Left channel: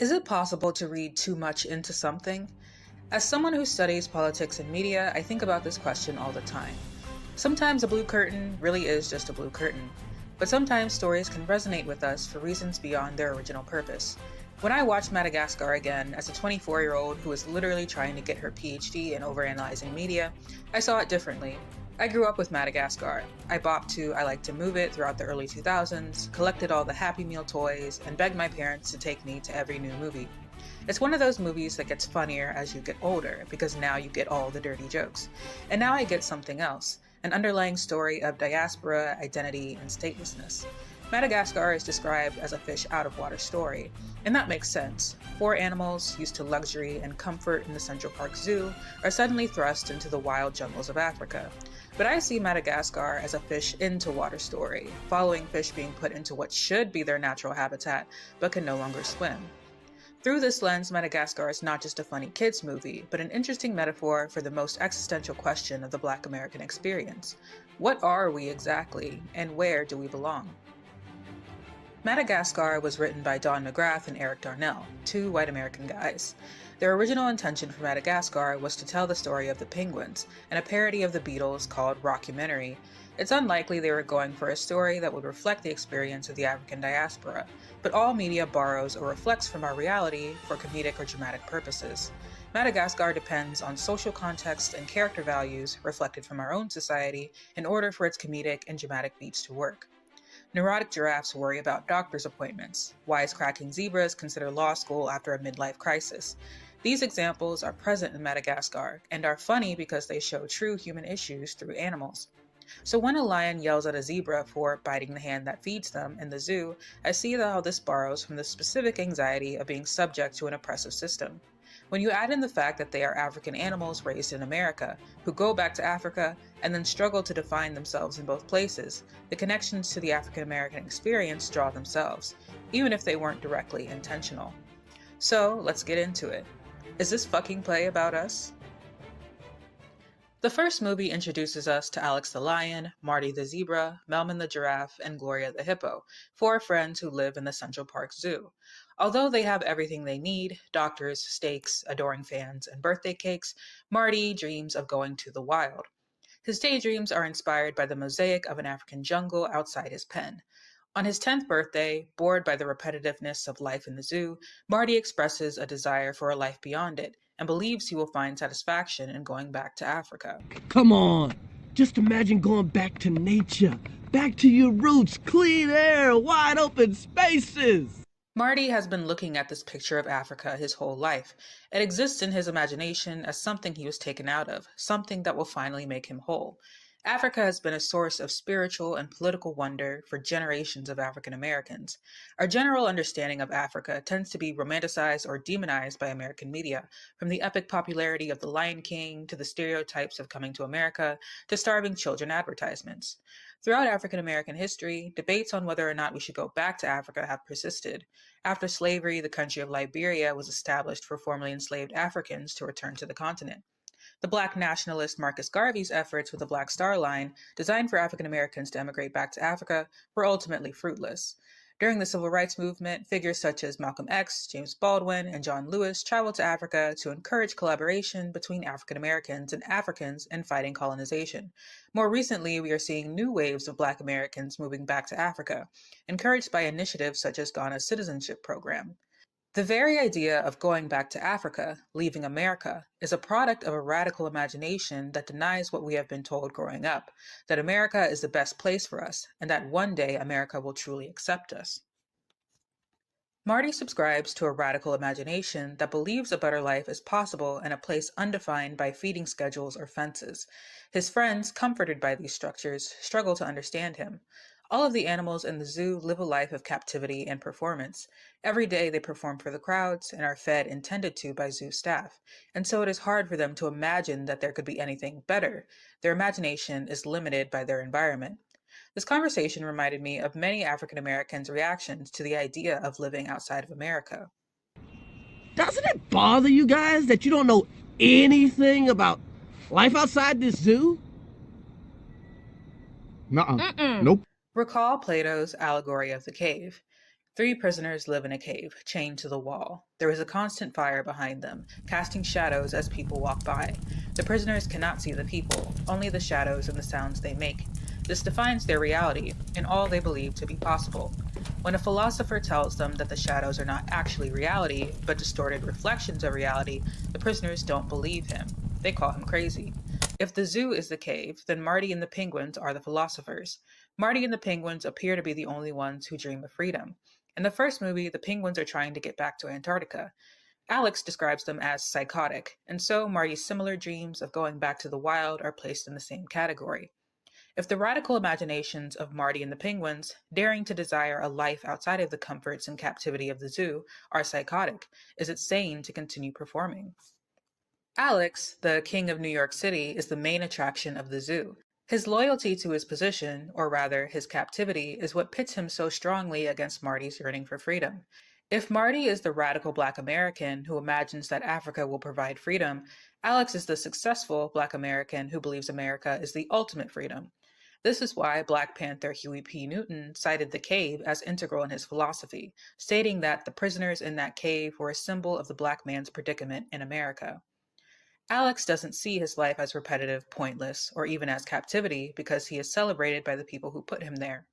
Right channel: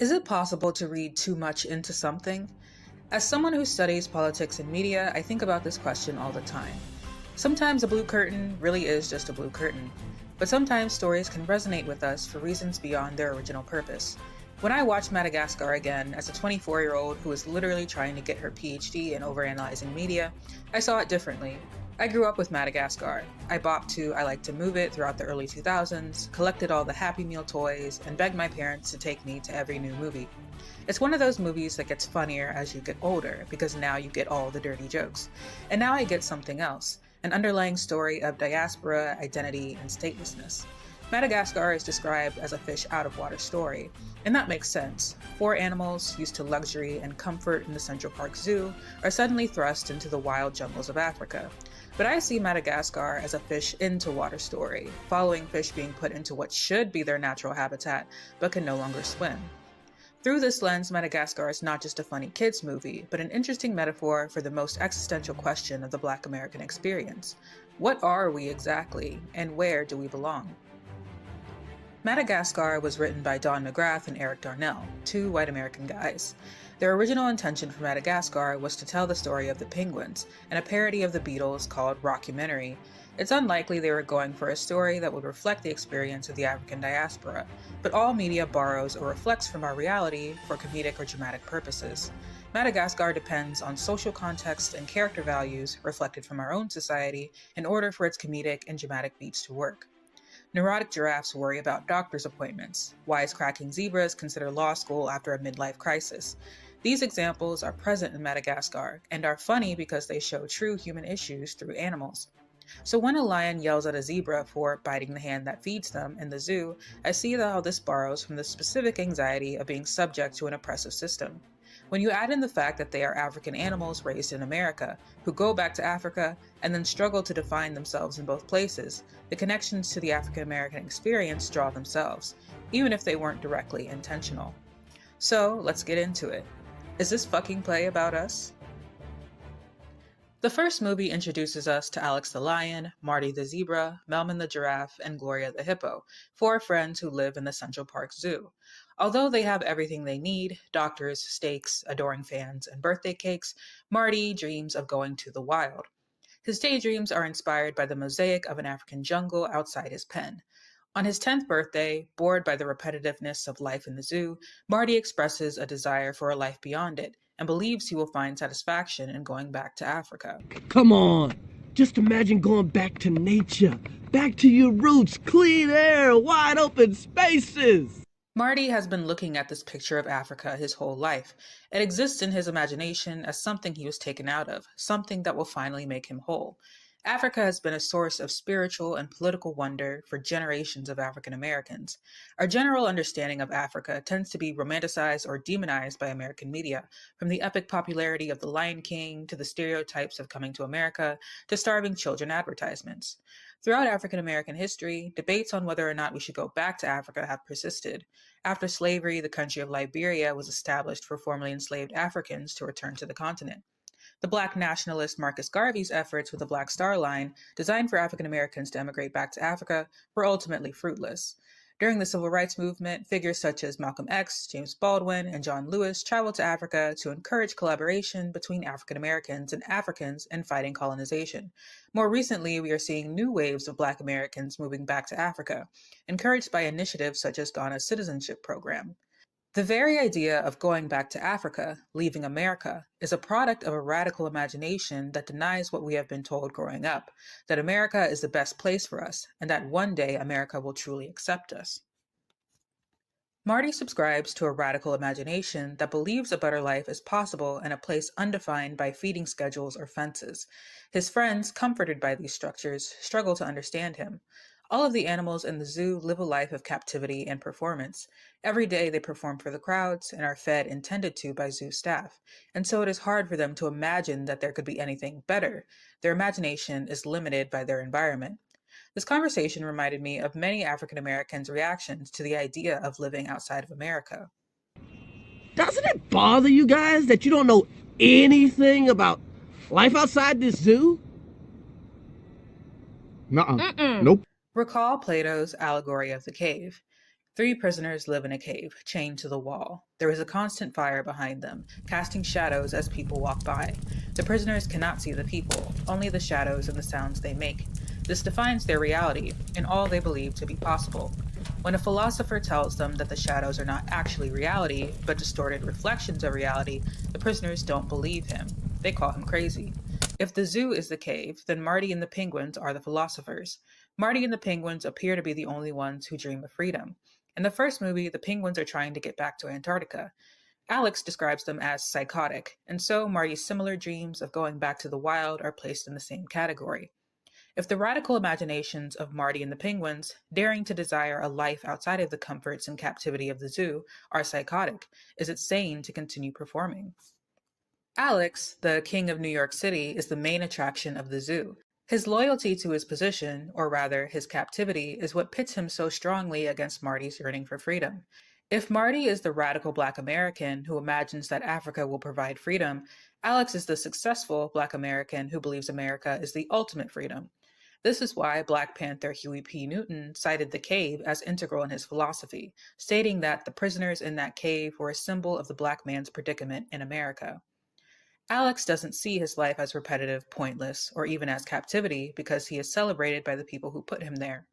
Is it possible to read too much into something? As someone who studies politics and media, I think about this question all the time. Sometimes a blue curtain really is just a blue curtain, but sometimes stories can resonate with us for reasons beyond their original purpose. When I watched Madagascar again as a 24-year-old who was literally trying to get her PhD in overanalyzing media, I saw it differently. I grew up with Madagascar. I bopped to I Like to Move It throughout the early 2000s, collected all the Happy Meal toys, and begged my parents to take me to every new movie. It's one of those movies that gets funnier as you get older, because now you get all the dirty jokes. And now I get something else, an underlying story of diaspora, identity, and statelessness. Madagascar is described as a fish out of water story, and that makes sense. Four animals used to luxury and comfort in the Central Park Zoo are suddenly thrust into the wild jungles of Africa. But I see Madagascar as a fish into water story, following fish being put into what should be their natural habitat, but can no longer swim. Through this lens, Madagascar is not just a funny kids movie, but an interesting metaphor for the most existential question of the Black American experience. What are we exactly, and where do we belong? Madagascar was written by Don McGrath and Eric Darnell, two white American guys. Their original intention for Madagascar was to tell the story of the penguins, and a parody of the Beatles called Rockumentary. It's unlikely they were going for a story that would reflect the experience of the African diaspora, but all media borrows or reflects from our reality for comedic or dramatic purposes. Madagascar depends on social context and character values reflected from our own society in order for its comedic and dramatic beats to work. Neurotic giraffes worry about doctor's appointments. Wisecracking zebras consider law school after a midlife crisis. These examples are present in Madagascar and are funny because they show true human issues through animals. So when a lion yells at a zebra for biting the hand that feeds them in the zoo, I see how this borrows from the specific anxiety of being subject to an oppressive system. When you add in the fact that they are African animals raised in America, who go back to Africa and then struggle to define themselves in both places, the connections to the African American experience draw themselves, even if they weren't directly intentional. So, let's get into it. Is this fucking play about us? The first movie introduces us to Alex the lion, Marty the zebra, Melman the giraffe, and Gloria the hippo, four friends who live in the Central Park Zoo. Although they have everything they need, doctors, steaks, adoring fans, and birthday cakes, Marty dreams of going to the wild. His daydreams are inspired by the mosaic of an African jungle outside his pen. On his 10th birthday, bored by the repetitiveness of life in the zoo, Marty expresses a desire for a life beyond it, and believes he will find satisfaction in going back to Africa. Come on! Just imagine going back to nature, back to your roots, clean air, wide open spaces! Marty has been looking at this picture of Africa his whole life. It exists in his imagination as something he was taken out of, something that will finally make him whole. Africa has been a source of spiritual and political wonder for generations of African Americans. Our general understanding of Africa tends to be romanticized or demonized by American media, from the epic popularity of The Lion King to the stereotypes of coming to America to starving children advertisements. Throughout African American history, debates on whether or not we should go back to Africa have persisted. After slavery, the country of Liberia was established for formerly enslaved Africans to return to the continent. The Black nationalist Marcus Garvey's efforts with the Black Star Line, designed for African Americans to emigrate back to Africa, were ultimately fruitless. During the Civil Rights Movement, figures such as Malcolm X, James Baldwin, and John Lewis traveled to Africa to encourage collaboration between African Americans and Africans in fighting colonization. More recently, we are seeing new waves of Black Americans moving back to Africa, encouraged by initiatives such as Ghana's citizenship program. The very idea of going back to Africa, leaving America, is a product of a radical imagination that denies what we have been told growing up, that America is the best place for us, and that one day America will truly accept us. Marty subscribes to a radical imagination that believes a better life is possible in a place undefined by feeding schedules or fences. His friends, comforted by these structures, struggle to understand him. All of the animals in the zoo live a life of captivity and performance. Every day they perform for the crowds and are fed and tended to by zoo staff, and so it is hard for them to imagine that there could be anything better. Their imagination is limited by their environment. This conversation reminded me of many African Americans' reactions to the idea of living outside of America. Doesn't it bother you guys that you don't know anything about life outside this zoo? Nuh-uh. Nope. Recall Plato's allegory of the cave. Three prisoners live in a cave, chained to the wall. There is a constant fire behind them, casting shadows as people walk by. The prisoners cannot see the people, only the shadows and the sounds they make. This defines their reality, and all they believe to be possible. When a philosopher tells them that the shadows are not actually reality, but distorted reflections of reality, the prisoners don't believe him. They call him crazy. If the zoo is the cave, then Marty and the penguins are the philosophers. Marty and the penguins appear to be the only ones who dream of freedom. In the first movie, the penguins are trying to get back to Antarctica. Alex describes them as psychotic, and so Marty's similar dreams of going back to the wild are placed in the same category. If the radical imaginations of Marty and the penguins, daring to desire a life outside of the comforts and captivity of the zoo, are psychotic, is it sane to continue performing? Alex, the king of New York City, is the main attraction of the zoo. His loyalty to his position, or rather his captivity, is what pits him so strongly against Marty's yearning for freedom. If Marty is the radical Black American who imagines that Africa will provide freedom, Alex is the successful Black American who believes America is the ultimate freedom. This is why Black Panther Huey P. Newton cited the cave as integral in his philosophy, stating that the prisoners in that cave were a symbol of the Black man's predicament in America. Alex doesn't see his life as repetitive, pointless, or even as captivity because he is celebrated by the people who put him there.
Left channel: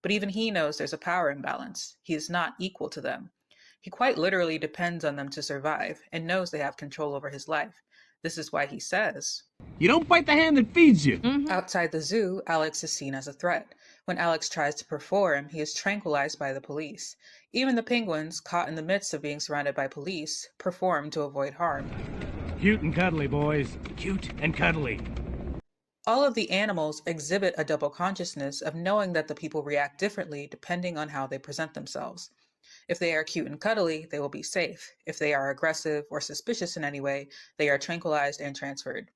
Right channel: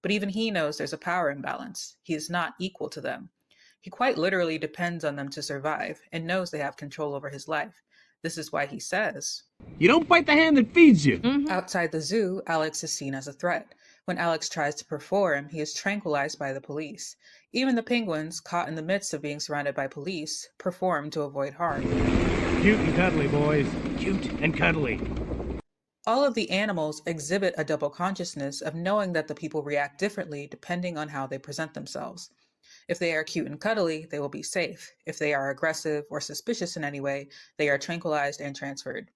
But even he knows there's a power imbalance. He is not equal to them. He quite literally depends on them to survive and knows they have control over his life. This is why he says, You don't bite the hand that feeds you. Outside the zoo, Alex is seen as a threat. When Alex tries to perform, he is tranquilized by the police. Even the penguins, caught in the midst of being surrounded by police, perform to avoid harm. Cute and cuddly, boys. Cute and cuddly. All of the animals exhibit a double consciousness of knowing that the people react differently depending on how they present themselves. If they are cute and cuddly, they will be safe. If they are aggressive or suspicious in any way, they are tranquilized and transferred.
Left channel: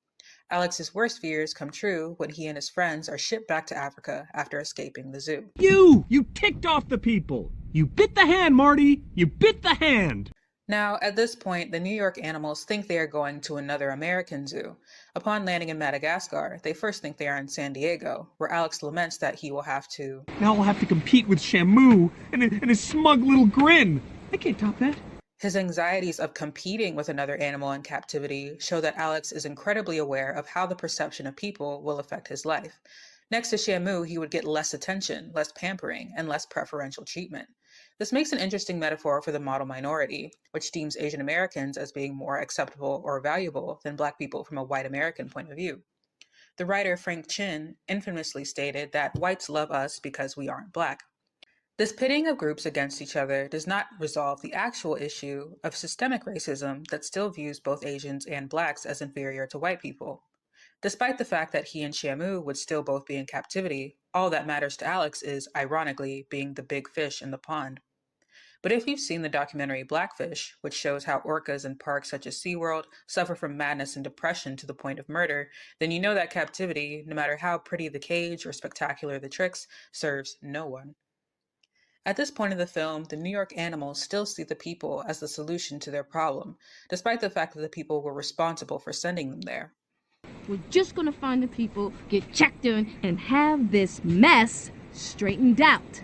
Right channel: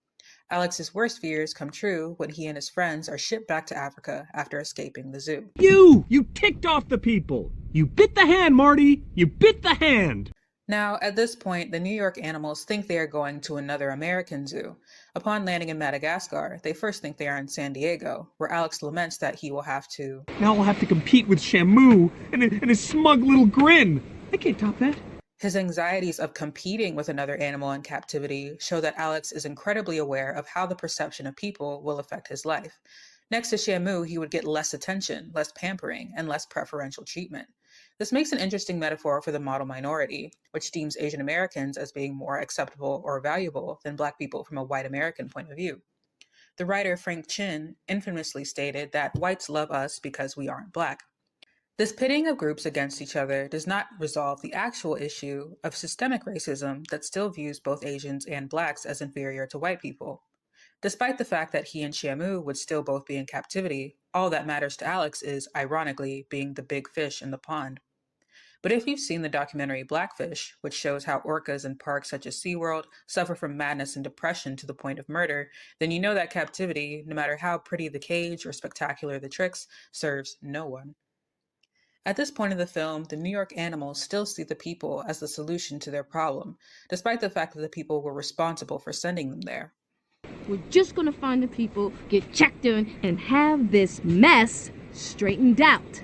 Alex's worst fears come true when he and his friends are shipped back to Africa after escaping the zoo. You ticked off the people. You bit the hand, Marty. You bit the hand. Now, at this point, the New York animals think they are going to another American zoo. Upon landing in Madagascar, they first think they are in San Diego, where Alex laments that he will have to... Now I'll have to compete with Shamu and his smug little grin. I can't top that. His anxieties of competing with another animal in captivity show that Alex is incredibly aware of how the perception of people will affect his life. Next to Shamu, he would get less attention, less pampering, and less preferential treatment. This makes an interesting metaphor for the model minority, which deems Asian Americans as being more acceptable or valuable than Black people from a white American point of view. The writer Frank Chin infamously stated that whites love us because we aren't Black. This pitting of groups against each other does not resolve the actual issue of systemic racism that still views both Asians and Blacks as inferior to white people. Despite the fact that he and Shamu would still both be in captivity, all that matters to Alex is, ironically, being the big fish in the pond. But if you've seen the documentary Blackfish, which shows how orcas in parks such as SeaWorld suffer from madness and depression to the point of murder, then you know that captivity, no matter how pretty the cage or spectacular the tricks, serves no one. At this point of the film, the New York animals still see the people as the solution to their problem, despite the fact that the people were responsible for sending them there. We're just going to find the people, get checked in, and have this mess straightened out.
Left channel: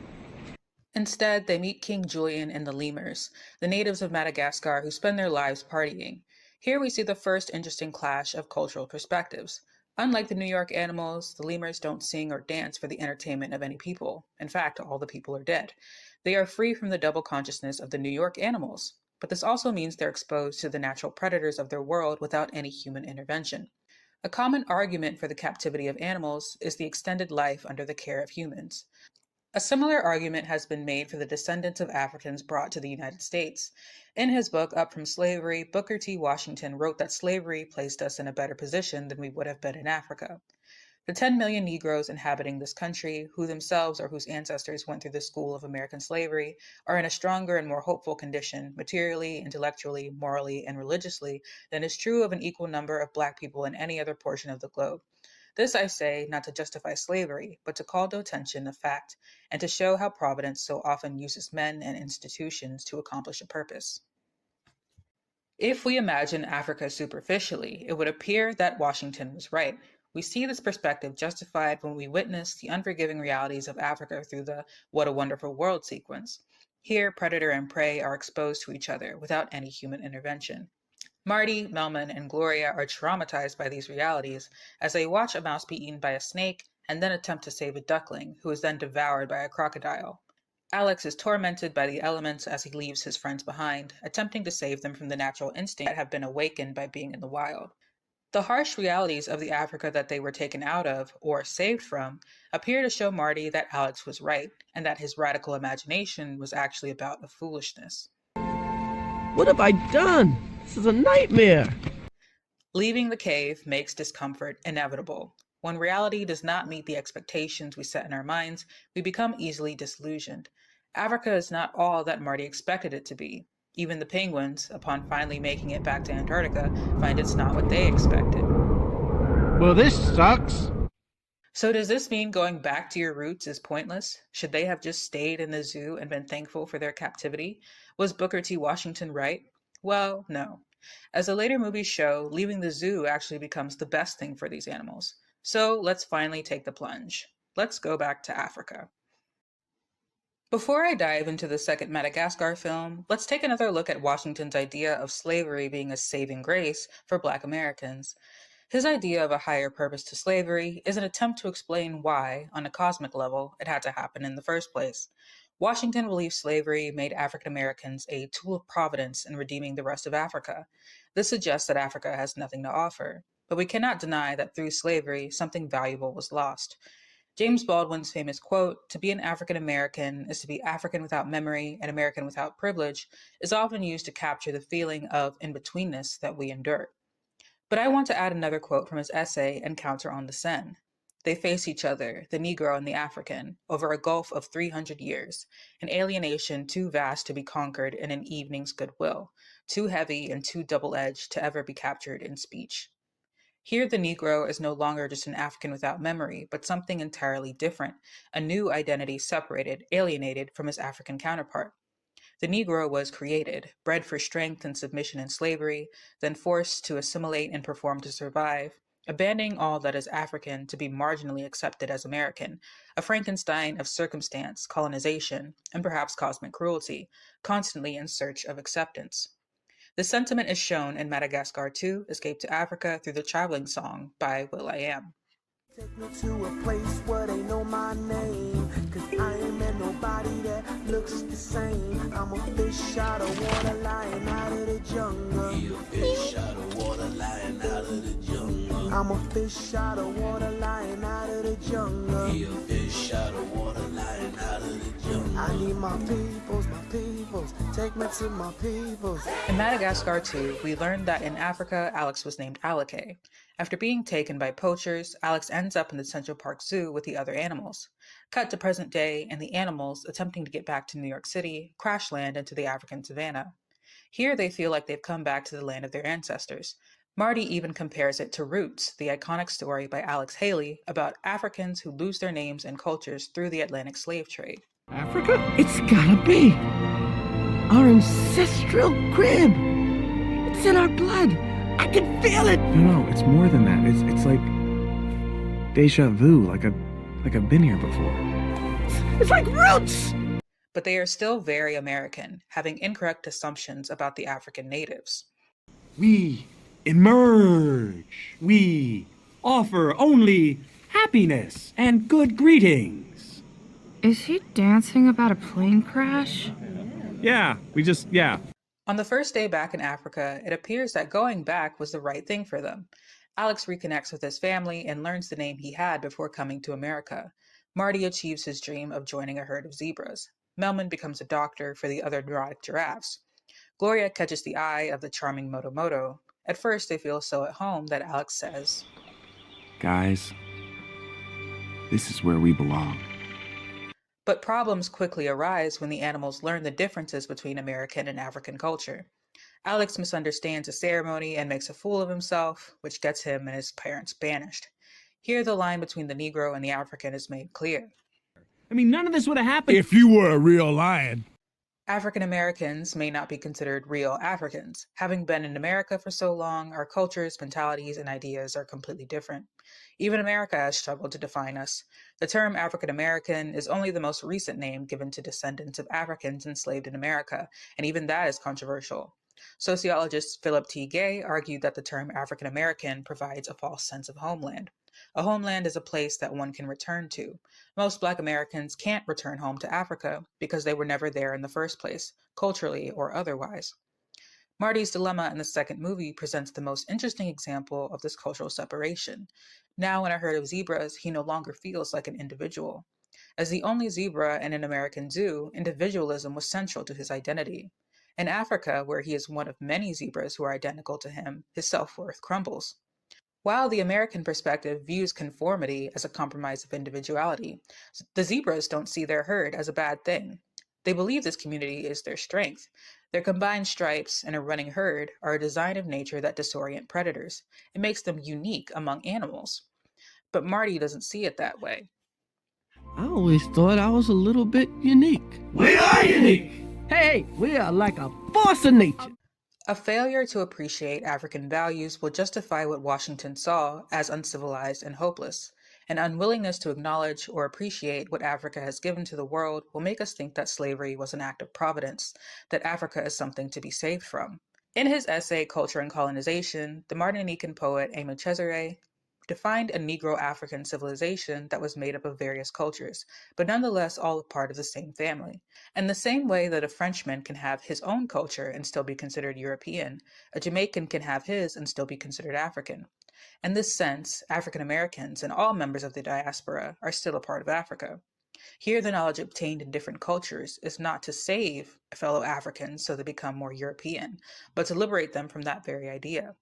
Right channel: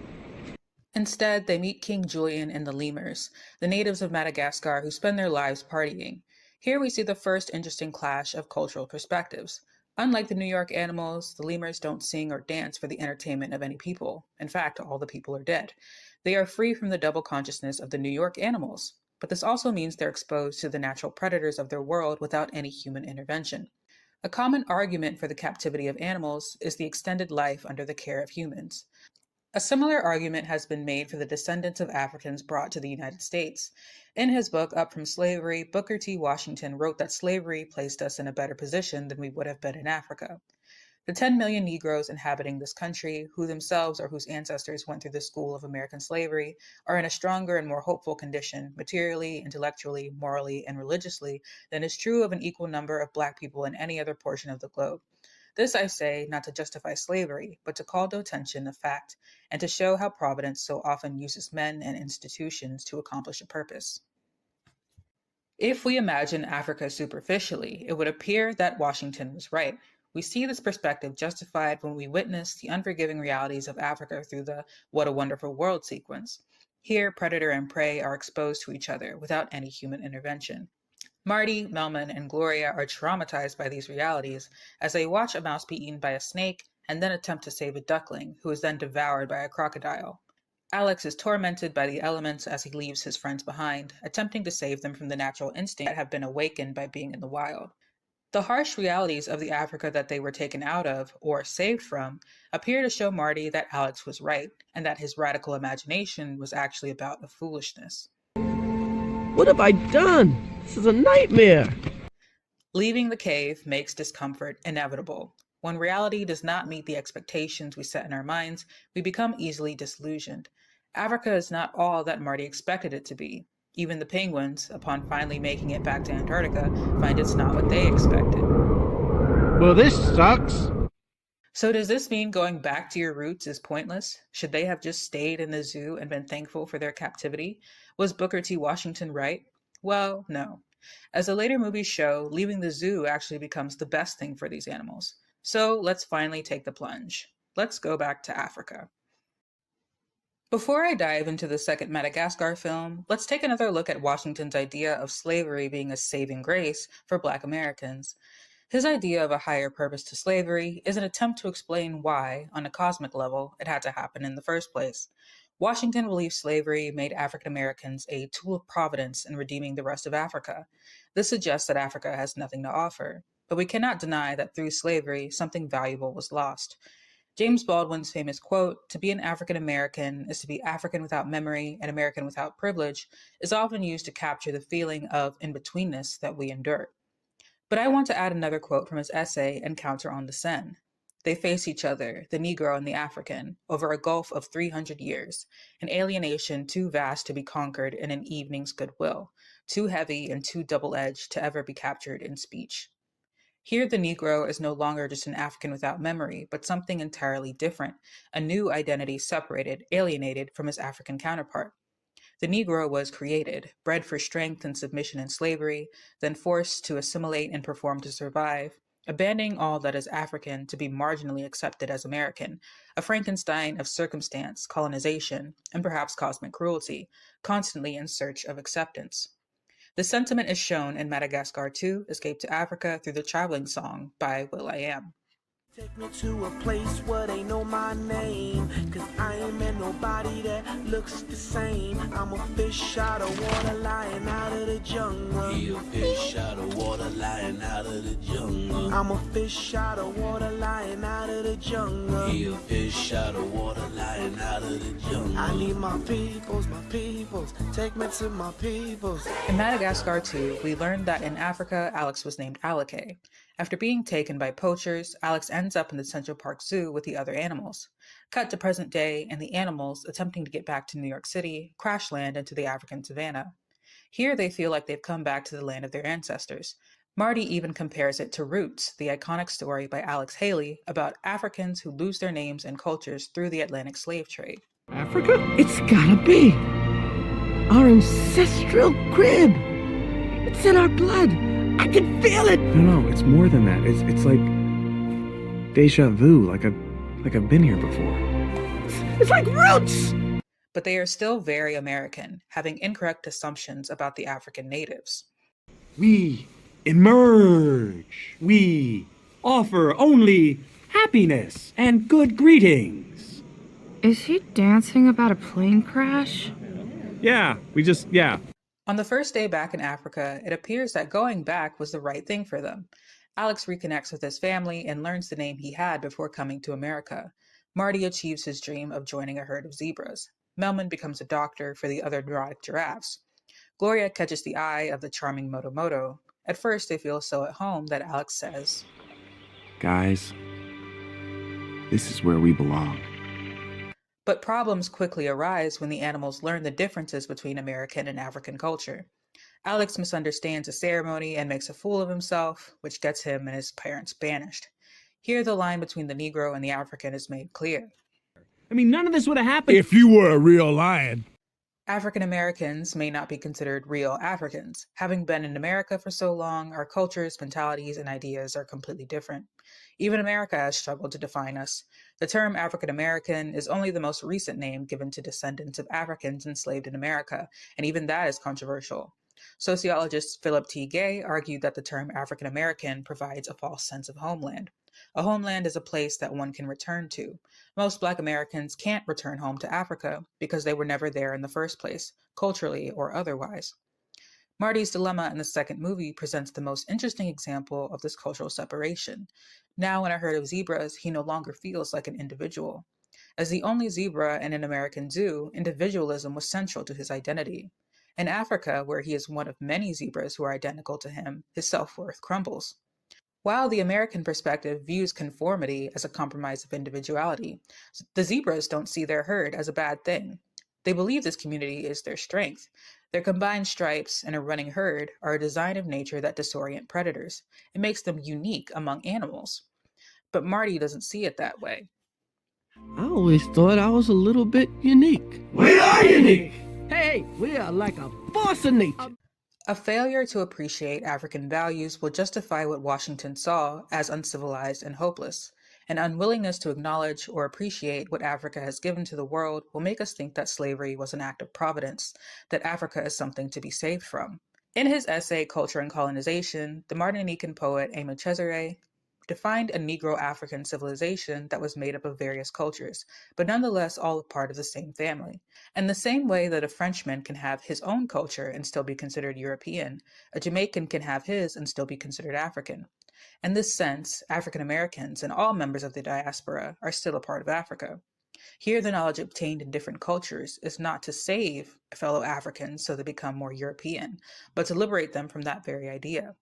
Instead, they meet King Julian and the lemurs, the natives of Madagascar who spend their lives partying. Here we see the first interesting clash of cultural perspectives. Unlike the New York animals, the lemurs don't sing or dance for the entertainment of any people. In fact, all the people are dead. They are free from the double consciousness of the New York animals. But this also means they're exposed to the natural predators of their world without any human intervention. A common argument for the captivity of animals is the extended life under the care of humans. A similar argument has been made for the descendants of Africans brought to the United States. In his book, Up From Slavery, Booker T. Washington wrote that slavery placed us in a better position than we would have been in Africa. The 10 million Negroes inhabiting this country, who themselves or whose ancestors went through the school of American slavery, are in a stronger and more hopeful condition, materially, intellectually, morally, and religiously, than is true of an equal number of Black people in any other portion of the globe. This I say not to justify slavery, but to call to attention a fact, and to show how Providence so often uses men and institutions to accomplish a purpose. If we imagine Africa superficially, it would appear that Washington was right. We see this perspective justified when we witness the unforgiving realities of Africa through the What a Wonderful World sequence. Here, predator and prey are exposed to each other without any human intervention. Marty, Melman, and Gloria are traumatized by these realities as they watch a mouse be eaten by a snake and then attempt to save a duckling, who is then devoured by a crocodile. Alex is tormented by the elements as he leaves his friends behind, attempting to save them from the natural instincts that have been awakened by being in the wild. The harsh realities of the Africa that they were taken out of, or saved from, appear to show Marty that Alex was right, and that his radical imagination was actually about a foolishness. What have I done? This is a nightmare. Leaving the cave makes discomfort inevitable. When reality does not meet the expectations we set in our minds, we become easily disillusioned. Africa is not all that Marty expected it to be. Even the penguins, upon finally making it back to Antarctica, find it's not what they expected. Well, this sucks. So does this mean going back to your roots is pointless? Should they have just stayed in the zoo and been thankful for their captivity? Was Booker T. Washington right? Well, no. As the later movies show, leaving the zoo actually becomes the best thing for these animals. So let's finally take the plunge. Let's go back to Africa. Before I dive into the second Madagascar film, let's take another look at Washington's idea of slavery being a saving grace for Black Americans. His idea of a higher purpose to slavery is an attempt to explain why, on a cosmic level, it had to happen in the first place. Washington believed slavery made African Americans a tool of providence in redeeming the rest of Africa. This suggests that Africa has nothing to offer, but we cannot deny that through slavery, something valuable was lost. James Baldwin's famous quote, "To be an African American is to be African without memory and American without privilege," is often used to capture the feeling of in-betweenness that we endure. But I want to add another quote from his essay Encounter on the Seine. "They face each other, the Negro and the African, over a gulf of 300 years, an alienation too vast to be conquered in an evening's goodwill, too heavy and too double-edged to ever be captured in speech." Here the Negro is no longer just an African without memory, but something entirely different, a new identity separated, alienated from his African counterpart. The Negro was created, bred for strength and submission in slavery, then forced to assimilate and perform to survive, abandoning all that is African to be marginally accepted as American, a Frankenstein of circumstance, colonization, and perhaps cosmic cruelty, constantly in search of acceptance. The sentiment is shown in Madagascar 2, Escape to Africa through the Traveling Song by will.i.am. Take me to a place where they know my name, 'cause I ain't met nobody that looks the same. I'm a fish out of water lying out of the jungle. He a fish out of water lying out of the jungle. I'm a fish out of water lying out of the jungle. He a fish out of water lying out of the jungle. I need my peoples, take me to my peoples. In Madagascar 2, we learned that in Africa, Alex was named Alake. After being taken by poachers, Alex ends up in the Central Park Zoo with the other animals. Cut to present day, and the animals, attempting to get back to New York City, crash land into the African savannah. Here they feel like they've come back to the land of their ancestors. Marty even compares it to Roots, the iconic story by Alex Haley about Africans who lose their names and cultures through the Atlantic slave trade. Africa? It's gotta be. Our ancestral crib. It's in our blood. I can feel it. No, it's more than that. It's like deja vu, like I've been here before. It's like Roots. But they are still very American, having incorrect assumptions about the African natives. We emerge. We offer only happiness and good greetings. Is he dancing about a plane crash? Yeah. On the first day back in Africa, it appears that going back was the right thing for them. Alex reconnects with his family and learns the name he had before coming to America. Marty achieves his dream of joining a herd of zebras. Melman becomes a doctor for the other neurotic giraffes. Gloria catches the eye of the charming Moto Moto. At first, they feel so at home that Alex says, Guys, this is where we belong. But problems quickly arise when the animals learn the differences between American and African culture. Alex misunderstands the ceremony and makes a fool of himself, which gets him and his parents banished. Here the line between the Negro and the African is made clear. I mean, none of this would have happened if you were a real lion. African Americans may not be considered real Africans. Having been in America for so long, our cultures, mentalities, and ideas are completely different. Even America has struggled to define us. The term African American is only the most recent name given to descendants of Africans enslaved in America, and even that is controversial. Sociologist Philip T. Gay argued that the term African American provides a false sense of homeland. A homeland is a place that one can return to. Most Black Americans can't return home to Africa because they were never there in the first place, culturally or otherwise. Marty's dilemma in the second movie presents the most interesting example of this cultural separation. Now, in a herd of zebras, he no longer feels like an individual. As the only zebra in an American zoo, individualism was central to his identity. In Africa, where he is one of many zebras who are identical to him, his self-worth crumbles. While the American perspective views conformity as a compromise of individuality, the zebras don't see their herd as a bad thing. They believe this community is their strength. Their combined stripes and a running herd are a design of nature that disorient predators. It makes them unique among animals. But Marty doesn't see it that way. I always thought I was a little bit unique. We are unique! Hey, we are like a force of nature. A failure to appreciate African values will justify what Washington saw as uncivilized and hopeless. An unwillingness to acknowledge or appreciate what Africa has given to the world will make us think that slavery was an act of providence, that Africa is something to be saved from. In his essay Culture and Colonization, the Martinican poet Aimé Césaire defined a Negro African civilization that was made up of various cultures, but nonetheless all a part of the same family. In the same way that a Frenchman can have his own culture and still be considered European, a Jamaican can have his and still be considered African. In this sense, African Americans and all members of the diaspora are still a part of Africa. Here, the knowledge obtained in different cultures is not to save fellow Africans so they become more European, but to liberate them from that very idea.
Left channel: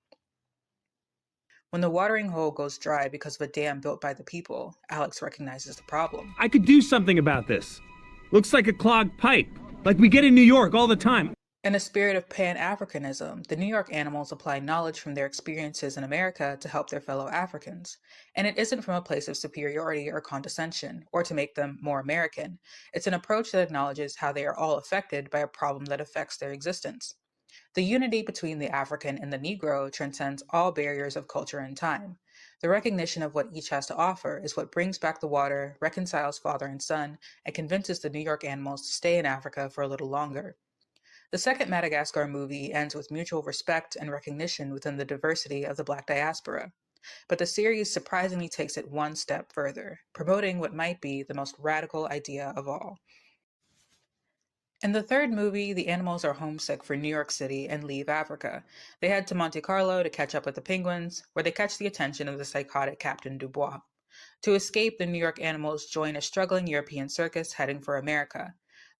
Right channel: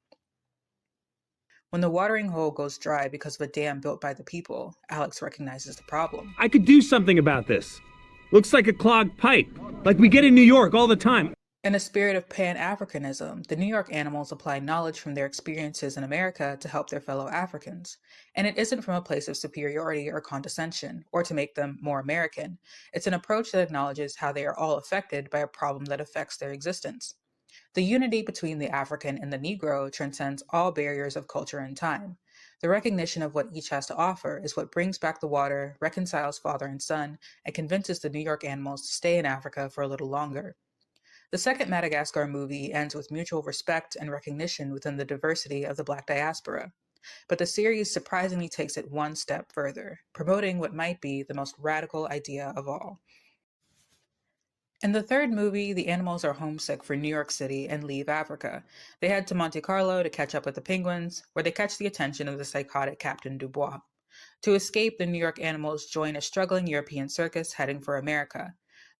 When the watering hole goes dry because of a dam built by the people, Alex recognizes the problem. I could do something about this. Looks like a clogged pipe, like we get in New York all the time. In a spirit of Pan-Africanism, the New York animals apply knowledge from their experiences in America to help their fellow Africans. And it isn't from a place of superiority or condescension, or to make them more American. It's an approach that acknowledges how they are all affected by a problem that affects their existence. The unity between the African and the Negro transcends all barriers of culture and time. The recognition of what each has to offer is what brings back the water, reconciles father and son, and convinces the New York animals to stay in Africa for a little longer. The second Madagascar movie ends with mutual respect and recognition within the diversity of the Black diaspora. But the series surprisingly takes it one step further, promoting what might be the most radical idea of all. In the third movie, the animals are homesick for New York City and leave Africa. They head to Monte Carlo to catch up with the penguins, where they catch the attention of the psychotic Captain Dubois. To escape, the New York animals join a struggling European circus heading for America.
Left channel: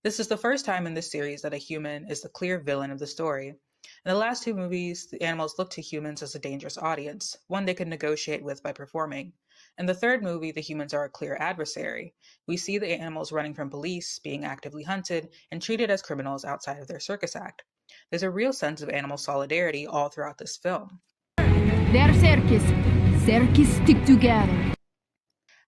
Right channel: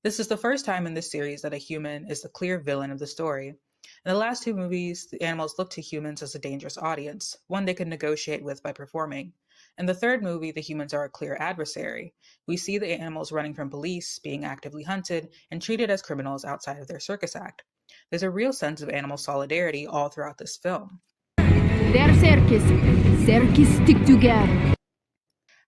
This is the first time in this series that a human is the clear villain of the story. In the last two movies, the animals look to humans as a dangerous audience, one they can negotiate with by performing. In the third movie, the humans are a clear adversary. We see the animals running from police, being actively hunted, and treated as criminals outside of their circus act. There's a real sense of animal solidarity all throughout this film. They're circus. Circus stick together.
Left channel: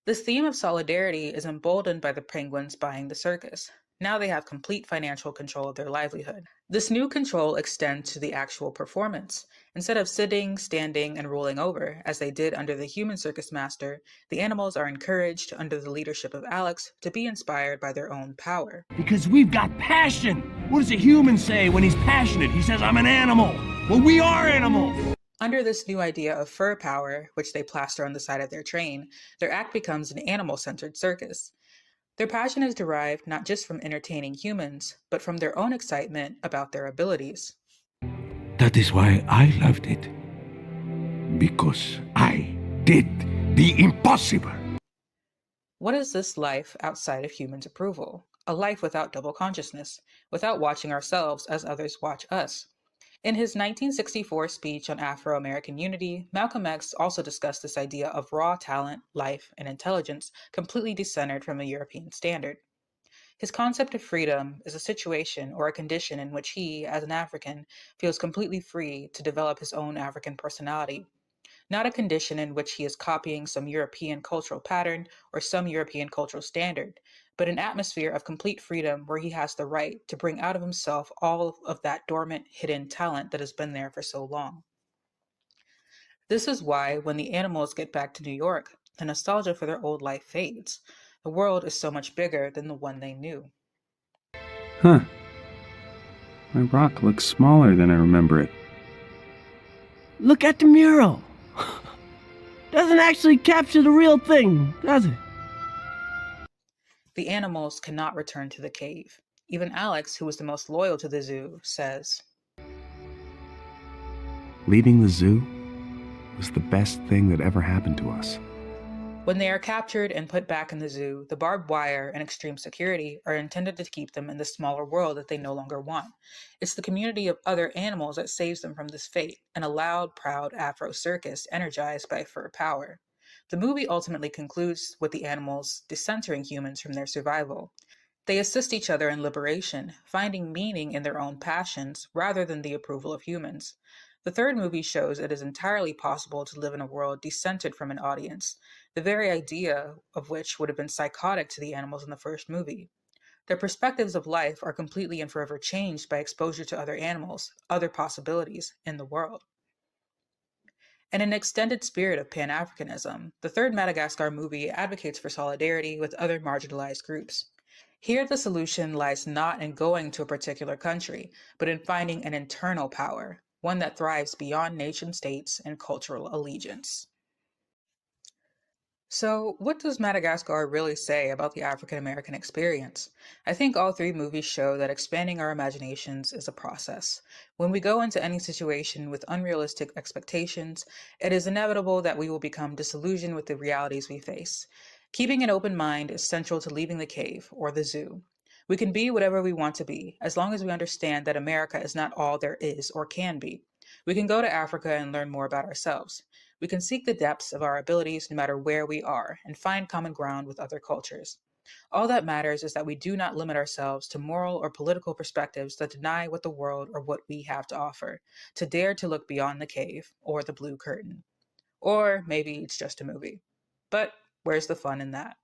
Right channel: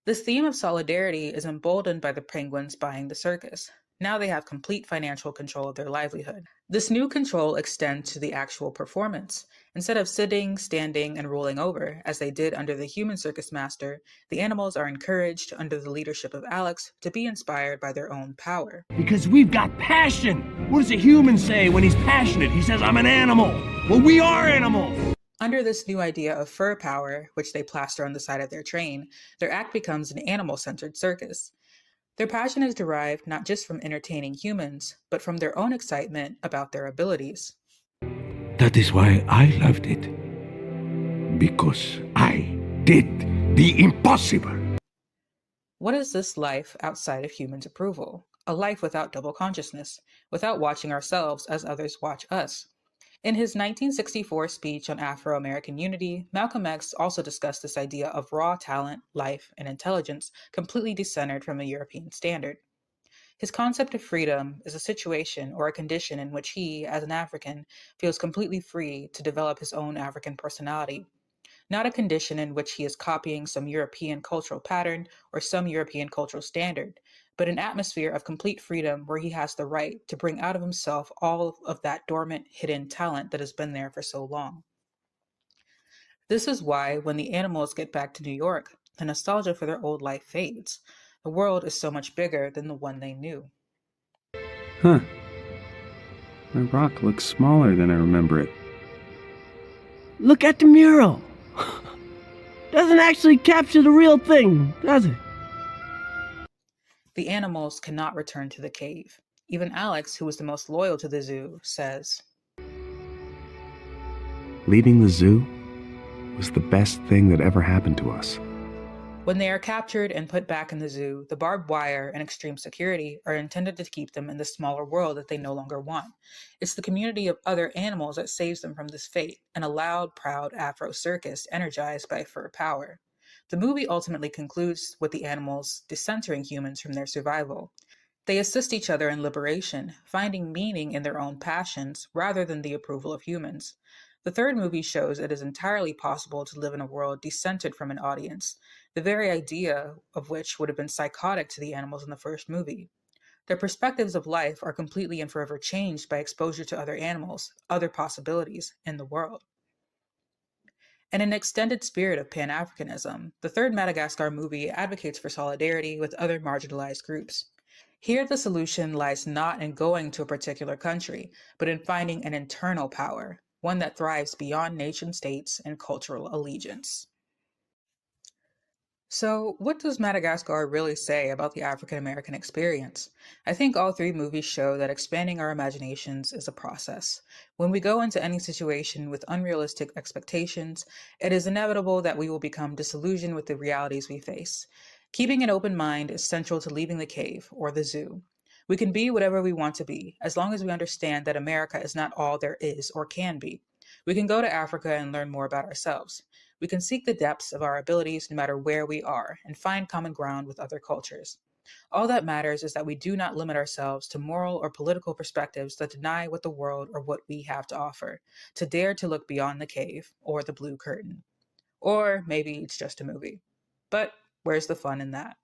This theme of solidarity is emboldened by the penguins buying the circus. Now they have complete financial control of their livelihood. This new control extends to the actual performance. Instead of sitting, standing, and rolling over, as they did under the human circus master, the animals are encouraged, under the leadership of Alex, to be inspired by their own power. Because we've got passion. What does a human say when he's passionate? He says, I'm an animal. Well, we are animals. Under this new idea of fur power, which they plaster on the side of their train, their act becomes an animal-centered circus. Their passion is derived not just from entertaining humans, but from their own excitement about their abilities. That is why I loved it. Because I did the impossible. What is this life outside of humans' approval? A life without double consciousness, without watching ourselves as others watch us. In his 1964 speech on Afro-American unity, Malcolm X also discussed this idea of raw talent, life, and intelligence completely decentered from a European standard. His concept of freedom is a situation or a condition in which he, as an African, feels completely free to develop his own African personality, not a condition in which he is copying some European cultural pattern or some European cultural standard, but an atmosphere of complete freedom where he has the right to bring out of himself all of that dormant, hidden talent that has been there for so long. This is why, when the animals get back to New York, the nostalgia for their old life fades. The world is so much bigger than the one they knew. Huh. My rock looks smaller than I remember it. Look at the mural. Doesn't actually capture the real thing, does it? The animals cannot return to the cave. Even Alex, who was the most loyal to the zoo, says, Leaving the zoo was the best thing that ever happened to us. when they are captured and put back in the zoo, the barbed wire and extreme security are intended to keep them in the smaller world that they no longer want. It's the community of other animals that saves them from this fate, and a loud, proud Afro circus energized by fur power. The movie ultimately concludes with the animals decentering humans from their survival. They assist each other in liberation, finding meaning in their own passions rather than the approval of humans. The third movie shows it is entirely possible to live in a world decentered from an audience, the very idea of which would have been psychotic to the animals in the first movie. Their perspectives of life are completely and forever changed by exposure to other animals, other possibilities in the world. In an extended spirit of Pan-Africanism, the third Madagascar movie advocates for solidarity with other marginalized groups. Here, the solution lies not in going to a particular country, but in finding an internal power, one that thrives beyond nation states and cultural allegiance. So, what does Madagascar really say about the African American experience? I think all three movies show that expanding our imaginations is a process. When we go into any situation with unrealistic expectations, it is inevitable that we will become disillusioned with the realities we face. Keeping an open mind is central to leaving the cave or the zoo. We can be whatever we want to be, as long as we understand that America is not all there is or can be. We can go to Africa and learn more about ourselves. We can seek the depths of our abilities no matter where we are and find common ground with other cultures. All that matters is that we do not limit ourselves to moral or political perspectives that deny what the world or what we have to offer, to dare to look beyond the cave or the blue curtain. Or maybe it's just a movie. But where's the fun in that?